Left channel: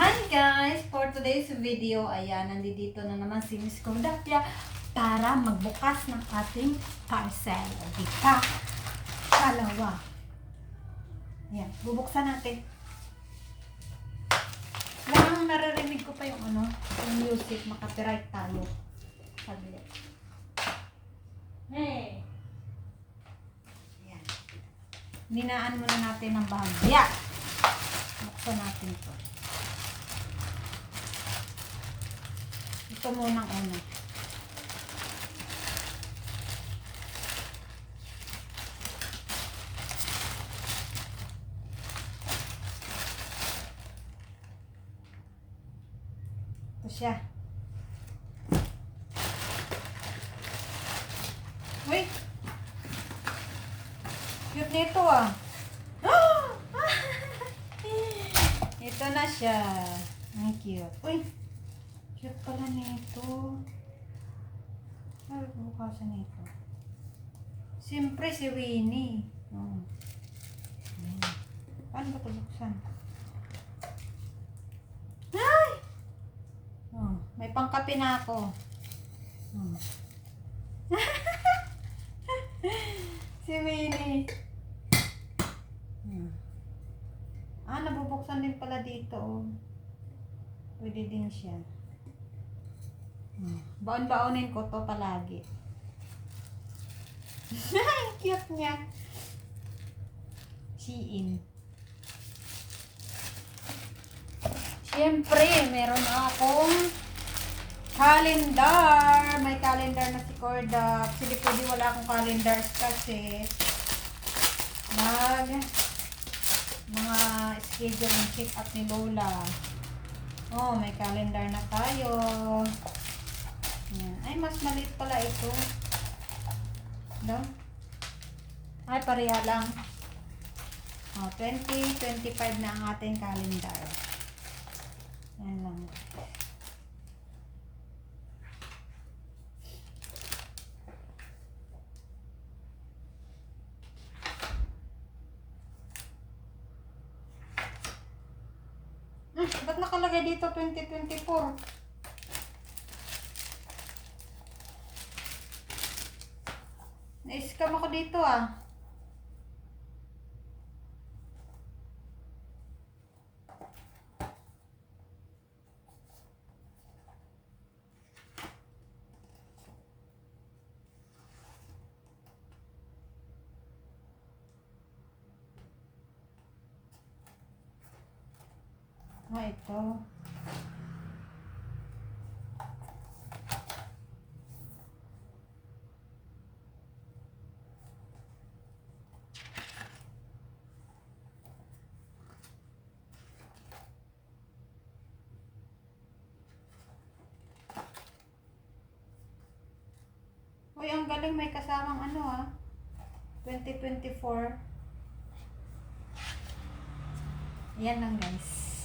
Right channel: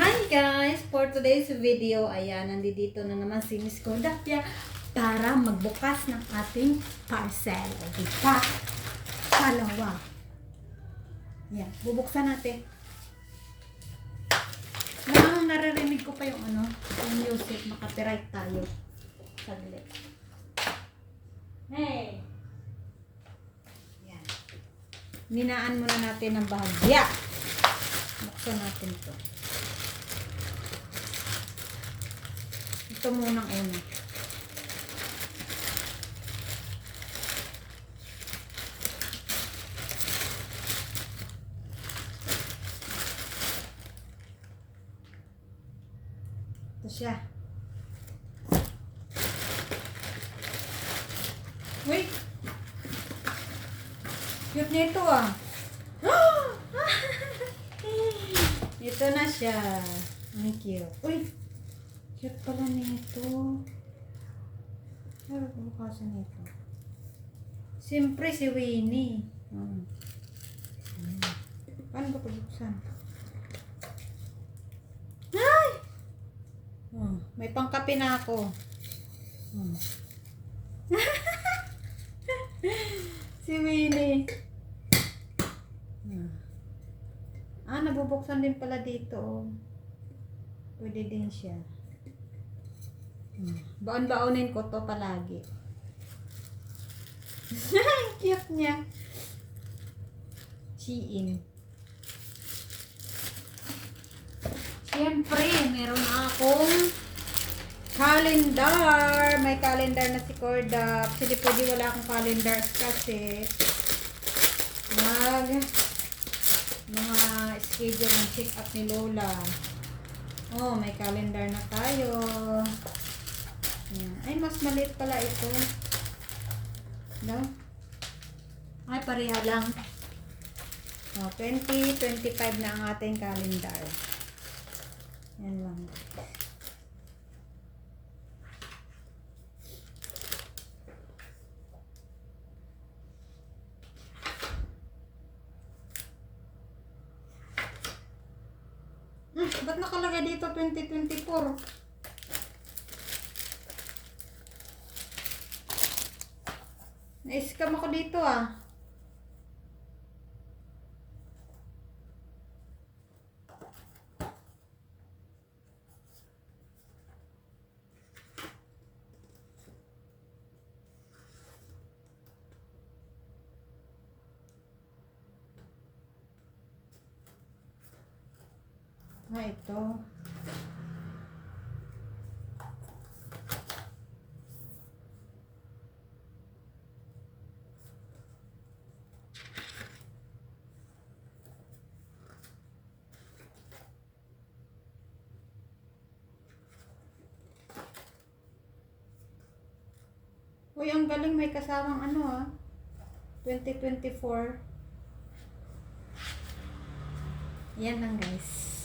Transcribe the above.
Hi guys! For today's video, ayan, nandito na naman si Miss Kodapia para magbukas ng ating parcel. O, diba? Dalawa. Ayan, bubuksan natin. Mukhang naririnig ko pa yung yung music, makapiright tayo. Saglit. Hey! Ayan. Ninaan muna natin ang bahagya. Buksan natin to. Ito munang una. Ito siya. Uy! Cute nito ah. Ito na siya. Ang cute. Uy! Cute pala nito. Ano bukasan nito? Siyempre si Winnie. Oh. Paano ba ito buksan? Ay! Oh, may pangkape na ako. Oh. Si Winnie. Nabubuksan din pala dito. Oh. Pwede din siya. Baon-baonin ko to palagi. Cute niya. Shein. Siyempre, meron akong calendar. May calendar na si Corda. Hindi pwede wala akong calendar kasi mga schedule ng check up ni Lola. Oh, may calendar na tayo. Yan. Ay, mas maliit pala ito. No? Ay, pareha lang. Oh, 2025 na ang ating calendar. Yan lang. Ba't nakalagay dito 2024? Na-scam ako dito ah. Ito. Uy, ang galing, may kasamang 2024. Yan lang guys.